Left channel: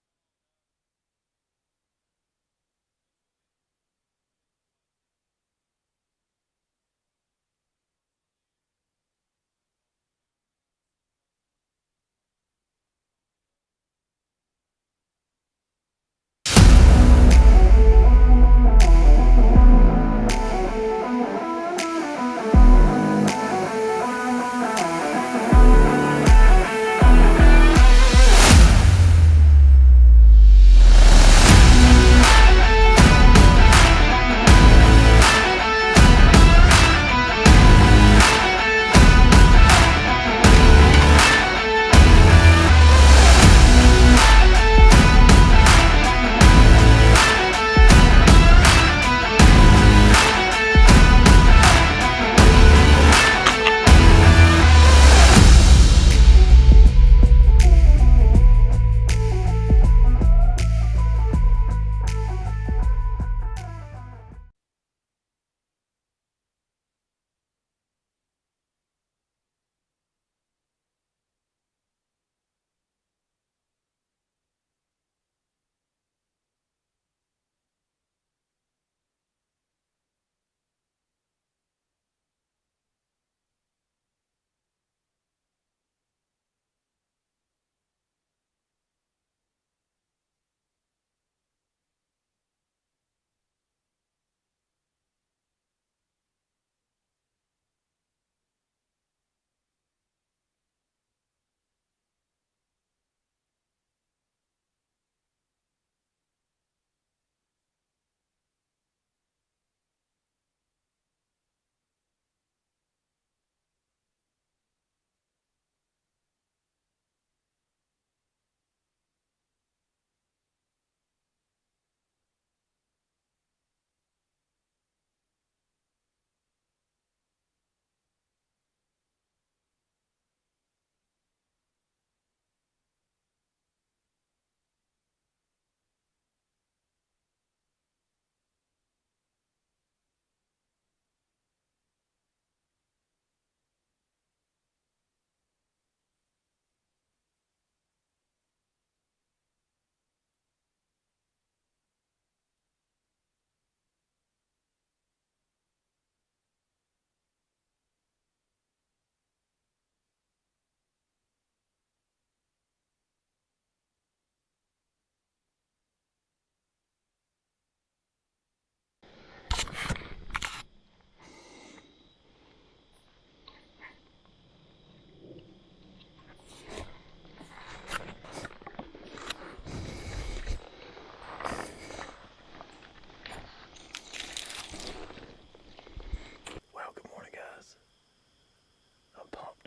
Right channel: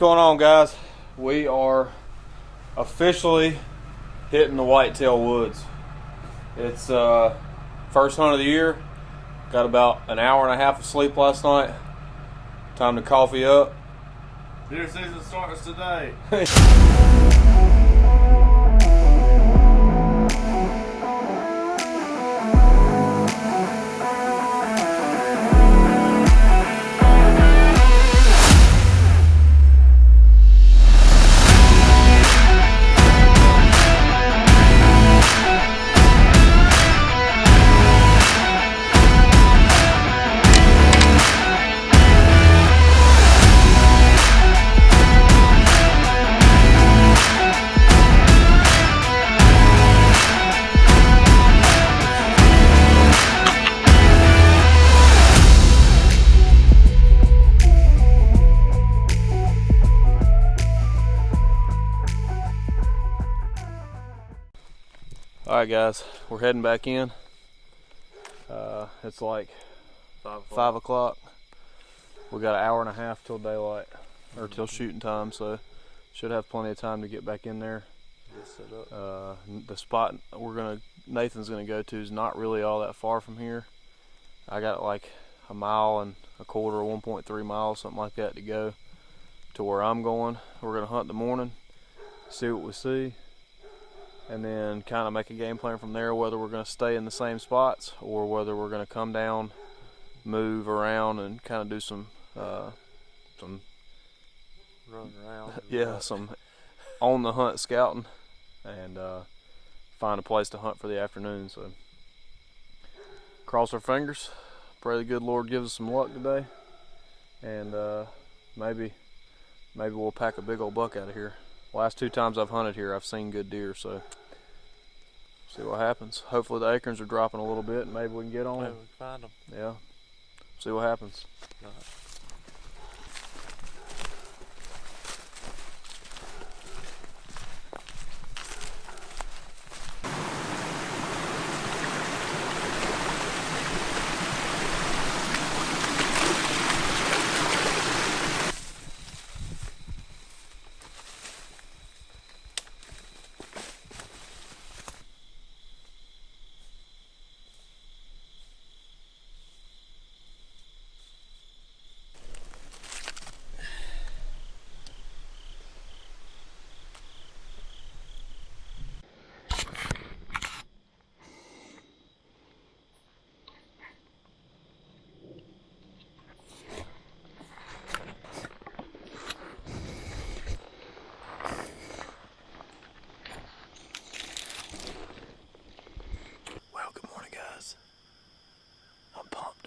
going on, guys? We are officially hitting the whitetail woods. It's first hunt of the year. Got about an hour and a half of sleep last night. Time to coffee up. Deer season starts today. Alright guys, we're heading back in. It's like 5 o'clock. We got an hour and a half till daylight, or till shooting time, so should have plenty of time to get back in there. The spot Nathan's gonna go to is not really all that far from here. I got like a mile and a quarter, 1.3 miles, something like that, to go to where I'm going. We're gonna hunt in the morning, see what we see, and then kind of make a game plan from there, whether we're going to stay in the same spots or whether we're going to come down, move around, and kind of do some Run around. Yeah, some on the hunt scouting, and find a place to hunt for the afternoon. So cross our fingers, pray the good Lord gives us some luck today, and maybe we'll pack a big old buck out of here. Last 2 times I've hunted here, I've seen good deer, so see what happens. Hopefully the acorns are dropping a little bit and maybe we can get on them. Maybe we can find them. Yeah, see what happens.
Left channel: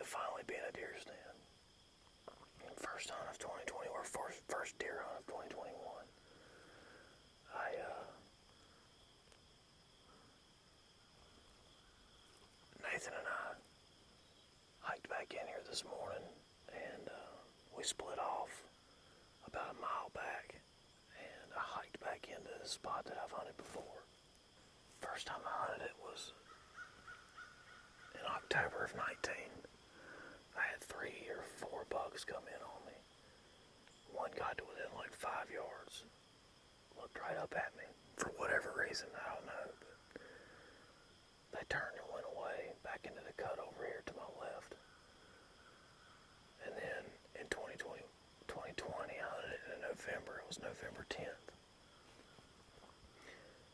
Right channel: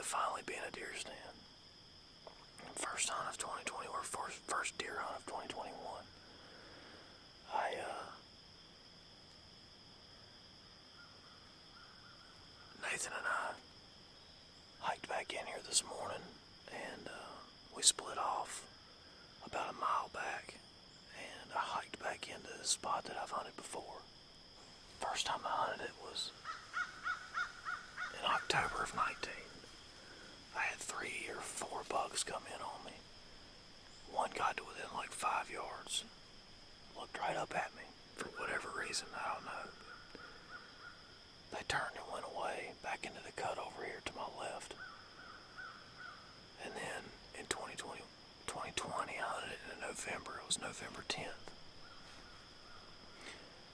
Finally be in a deer stand. First hunt of 2020, or first deer hunt of 2021. Nathan and I hiked back in here this morning, and we split off about a mile back, and I hiked back into the spot that I've hunted before. First time I hunted it was in October of 19. I had 3 or 4 bucks come in on me. One got to within like 5 yards, looked right up at me for whatever reason, I don't know. But they turned and went away back into the cut over here to my left. And then in 2020, I hunted it in November. It was November 10th.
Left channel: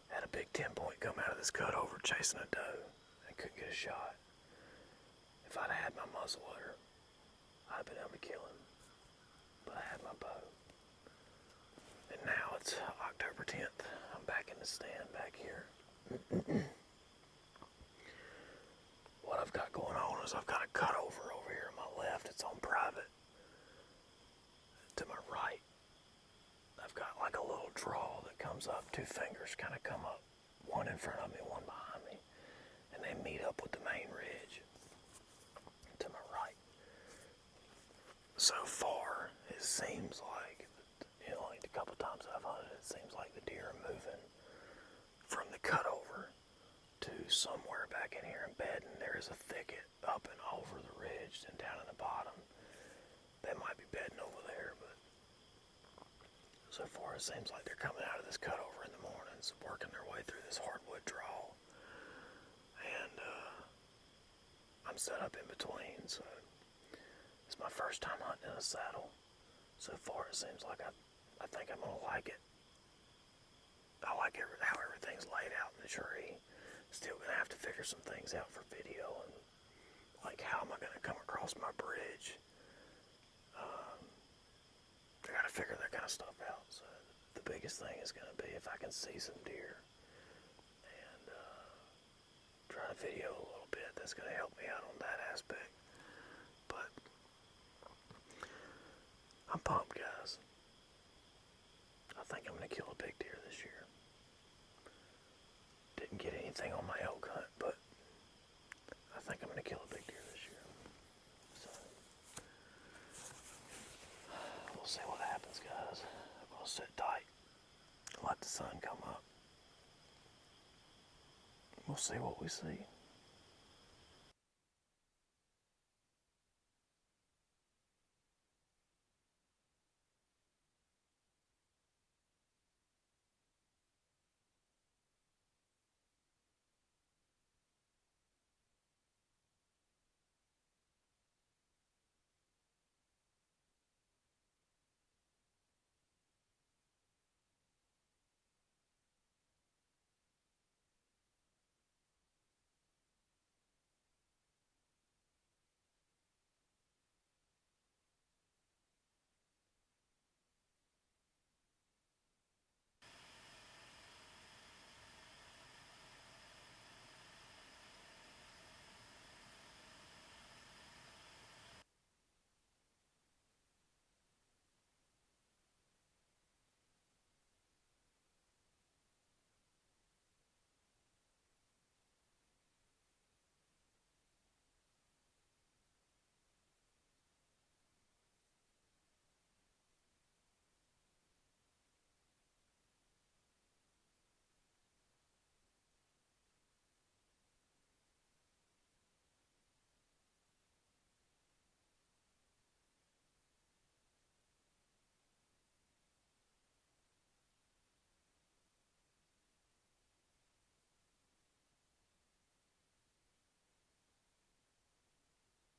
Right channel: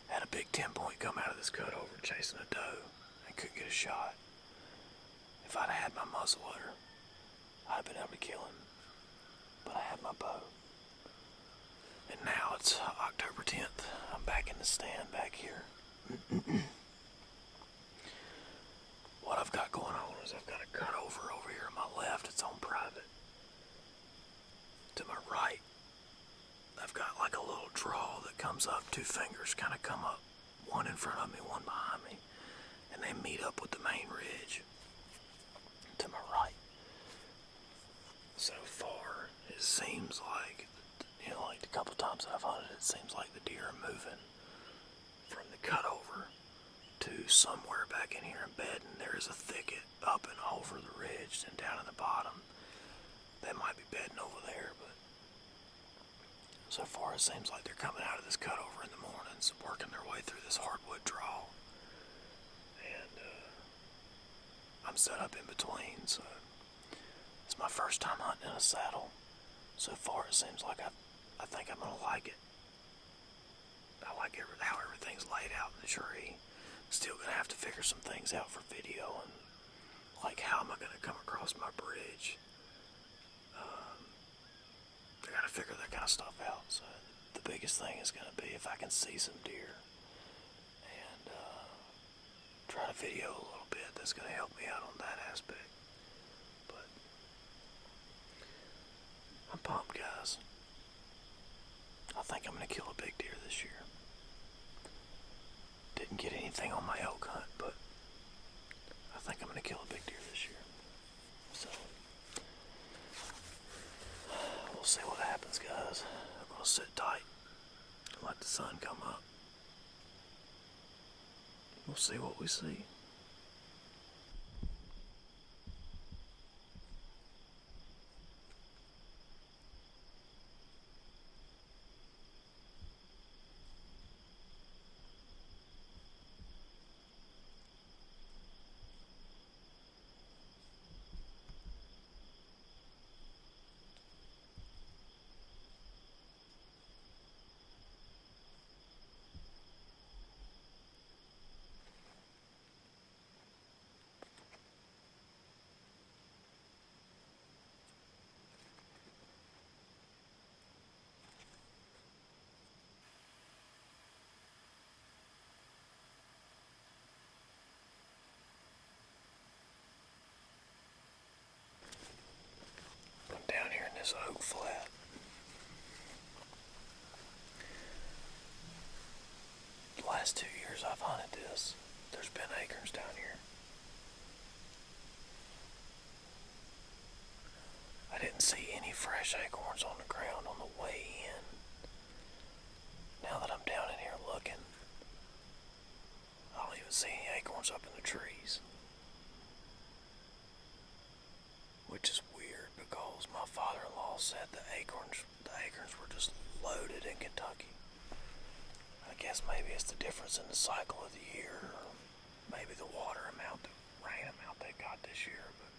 Had a big 10-point come out of this cut over chasing a doe and couldn't get a shot. If I'd had my muzzleloader, I'd have been able to kill him, but I had my bow. And now it's October 10th. I'm back in the stand back here. What I've got going on is I've got a cut over here on my left. It's on private. To my right, I've got like a little draw that comes up. 2 fingers kind of come up, one in front of me, one behind me, and they meet up with the main ridge to my right. So far, it seems like, like the couple times that I've hunted, it seems like the deer are moving from the cutover to somewhere back in here in bed, and there is a thicket up and over the ridge and down at the bottom. They might be bedding over there, but So far it seems like they're coming out of this cutover in the mornings, working their way through this hardwood draw. And I'm set up in between, so it's my first time hunting in a saddle. So far it seems like I think I'm going to like it. I like how everything's laid out in the tree. Still going to have to figure some things out for video, and like how am I going to come across my bridge. I got to figure that kind of stuff out. So the biggest thing is going to be if I can see some deer and try to video a little bit. That's going to help me out on that aspect. But I'm pumped, guys. I think I'm going to kill a big deer this year. Didn't get anything on my elk hunt, but I think I'm going to kill a big deer this year. So we'll see what happens, guys. I'm going to sit tight and let the sun come up. We'll see what we see. I'm down here in this oak flat. The last 2 years I've hunted this, there's been acorns down here. I didn't see any fresh acorns on the ground on the way in. Now that I'm down in here looking, I don't even see any acorns up in the trees. Which is weird because my father-in-law said the acorns were just loaded in Kentucky. I guess maybe it's the difference in the cycle of the year, or maybe the water amount, the rain amount they got this year. But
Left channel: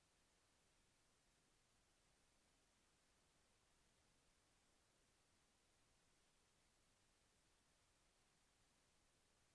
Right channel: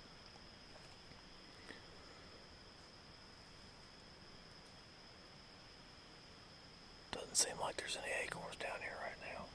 doesn't seem like there's any acorns down here right now.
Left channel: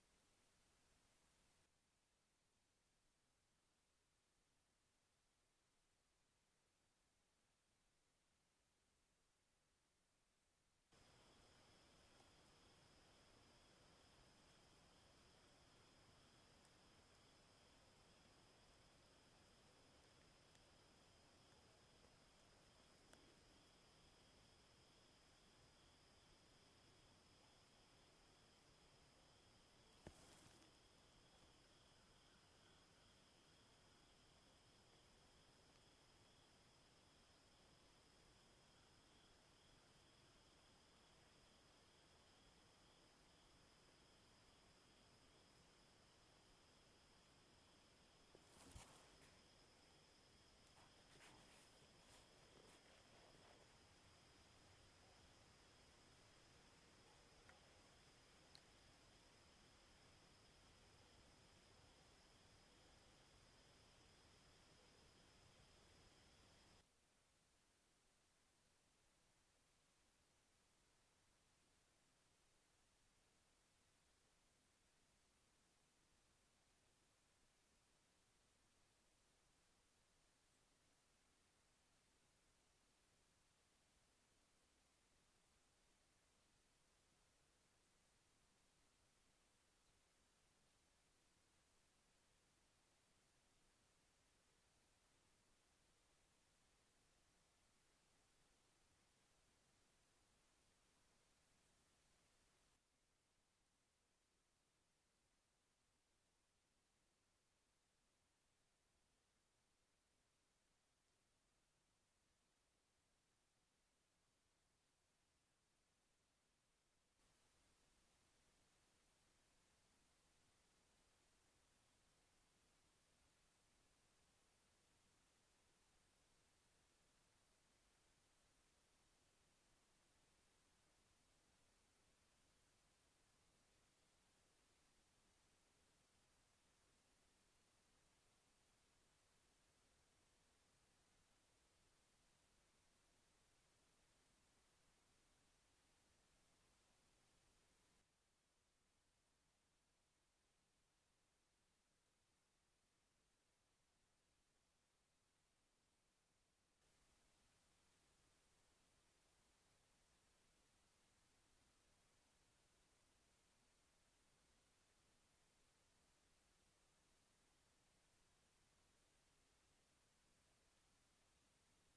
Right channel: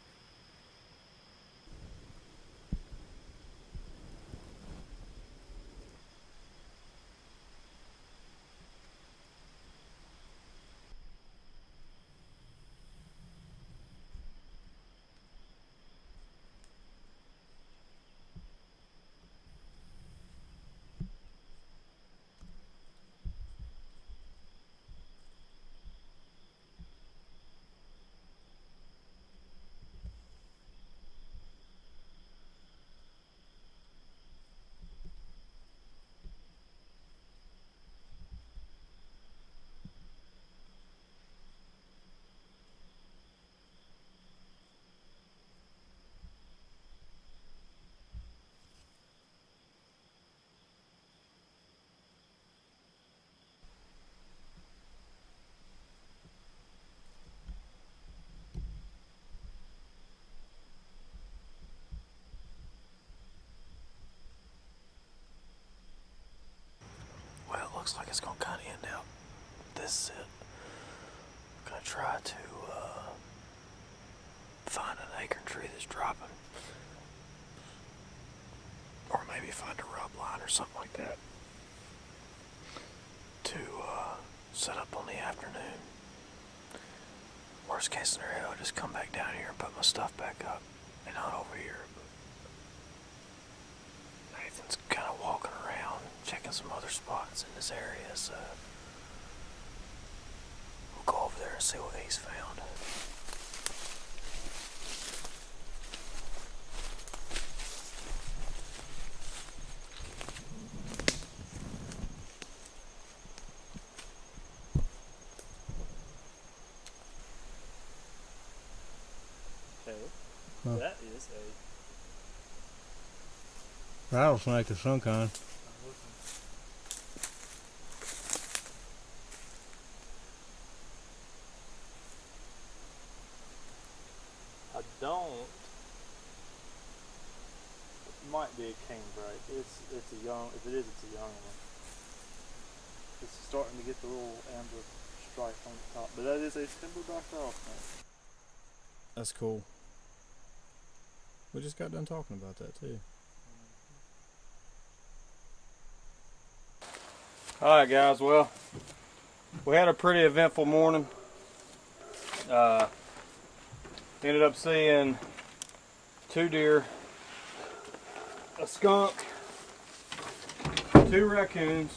Well, it looks like it's going to kind of end out this sit. I'm going to try to find an acorn tree that's dropping. Or maybe find a rub line or something like that to set up on the afternoon. Worst case scenario, I'll just come back down here and put my stuff back up and hunt over here. But Nathan's kind of walking around, checking some other spots in this area, so we'll go over there and see what he's found. Huh. That is a Rattlesnake of some kind. be a king bright. It's a young. If it is, it's a young one. It's starting to get the little amber stripe on the top, but that is a timber black rattlesnake. That's cool. We just got done talking about that too. Alright guys, well, we had a pretty eventful morning. Ended up seeing 2 deer, a skunk, 2 raccoons,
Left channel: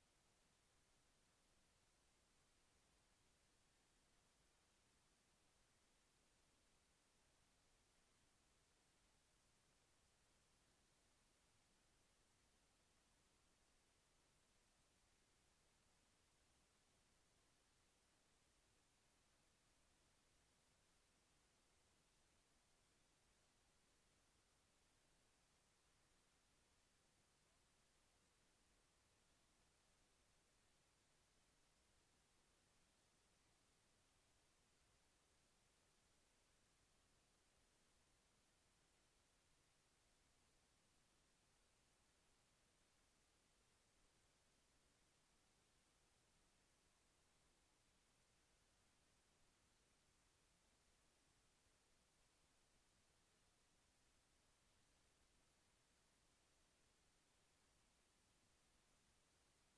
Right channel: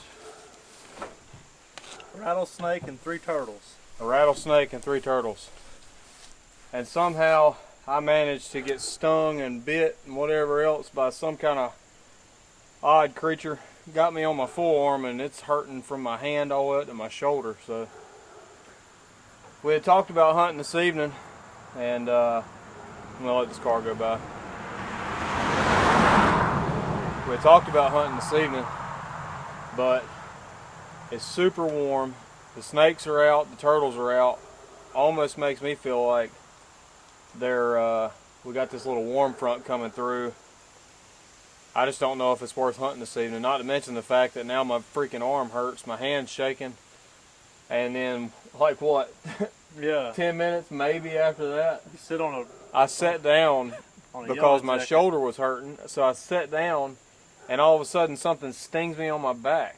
a rattlesnake, and 3 turtles. A rattlesnake and 3 turtles. And somehow I managed to get stung and bit and whatever else by some kind of odd creature. Got me on my forearm and it's hurting from my hand all the way up to my shoulder. So we had talked about hunting this evening, and I'm gonna let this car go by. We had talked about hunting this evening, but it's super warm. The snakes are out, the turtles are out. Almost makes me feel like we got this little warm front coming through. I just don't know if it's worth hunting this evening. Not to mention the fact that now my freaking arm hurts, my hand's shaking, and then like what? Yeah. 10 minutes maybe after that. You sit on I sat down because my shoulder was hurting, so I sat down, and all of a sudden something stings me on my back.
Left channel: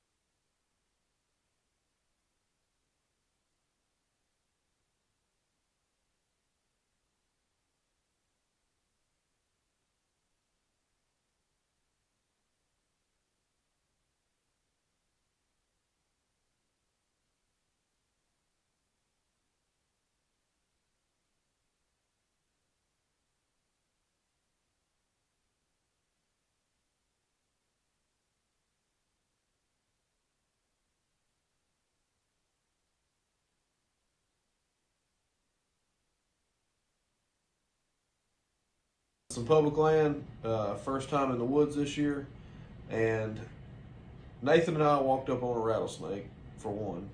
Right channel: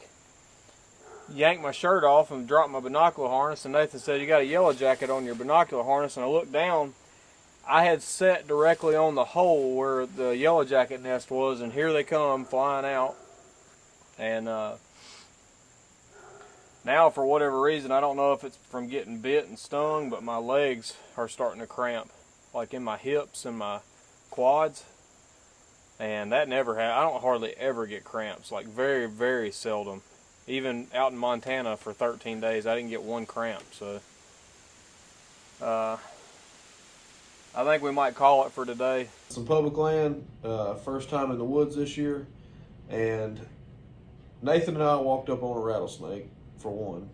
Yanked my shirt off and dropped my binocular harness, and Nathan said, "You got a yellow jacket on your binocular harness," and I looked down. I had sat directly on the hole where the yellow jacket nest was, and here they come flying out. And now, for whatever reason, I don't know if it's from getting bit and stung, but my legs are starting to cramp, like in my hips and my quads. And that never happens. I don't hardly ever get cramps, like very, very seldom. Even out in Montana for 13 days, I didn't get 1 cramp. So I think we might call it for today. Some public land, first time in the woods this year, and Nathan and I walked up on a rattlesnake, for one.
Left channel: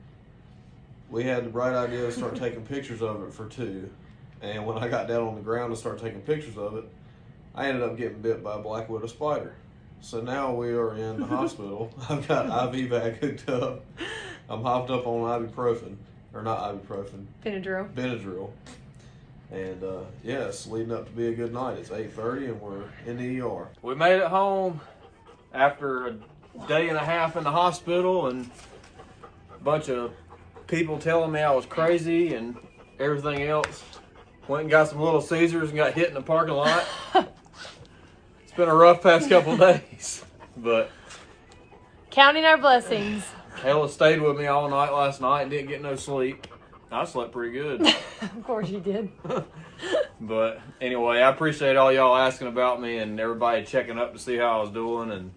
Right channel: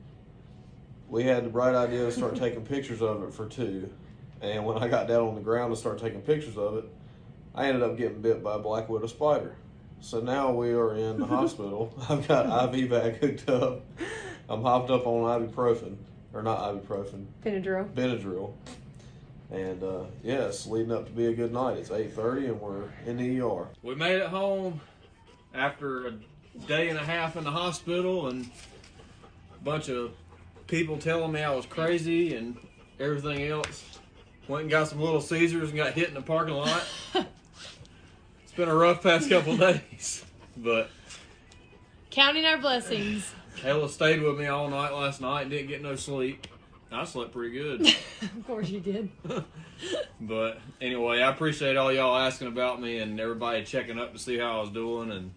We had the bright idea to start taking pictures of it, for 2, and when I got down on the ground to start taking pictures of it, I ended up getting bit by a black widow spider. So now we are in the hospital. I've got IV bag hooked up. I'm hopped up on ibuprofen, or not ibuprofen. Benadryl. And yeah, it's leading up to be a good night. It's 8:30 and we're in the ER. We made it home after a day and a half in the hospital and a bunch of people telling me I was crazy and everything else. Went and got some Little Caesars and got hit in the parking lot. It's been a rough past couple days, but counting our blessings. Hella stayed with me all night last night and didn't get no sleep. I slept pretty good. Of course you did. But anyway, I appreciate all y'all asking about me and everybody checking up to see how I was doing, and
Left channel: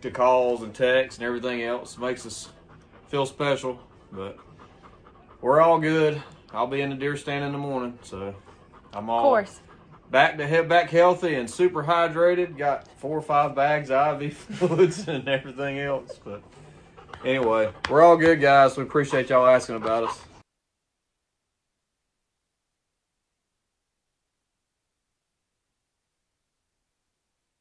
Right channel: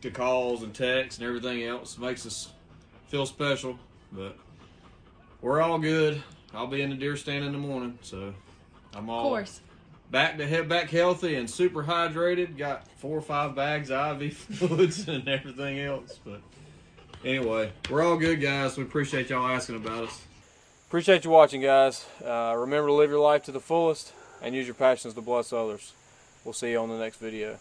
the calls and texts and everything else. Makes us feel special. But we're all good. I'll be in the deer stand in the morning, so I'm all Of course. back healthy and super hydrated. Got 4 or 5 bags of IV fluids and everything else. But anyway, we're all good, guys. We appreciate y'all asking about us. Appreciate you watching, guys. Remember to live your life to the fullest and use your passions to bless others. We'll see you on the next video.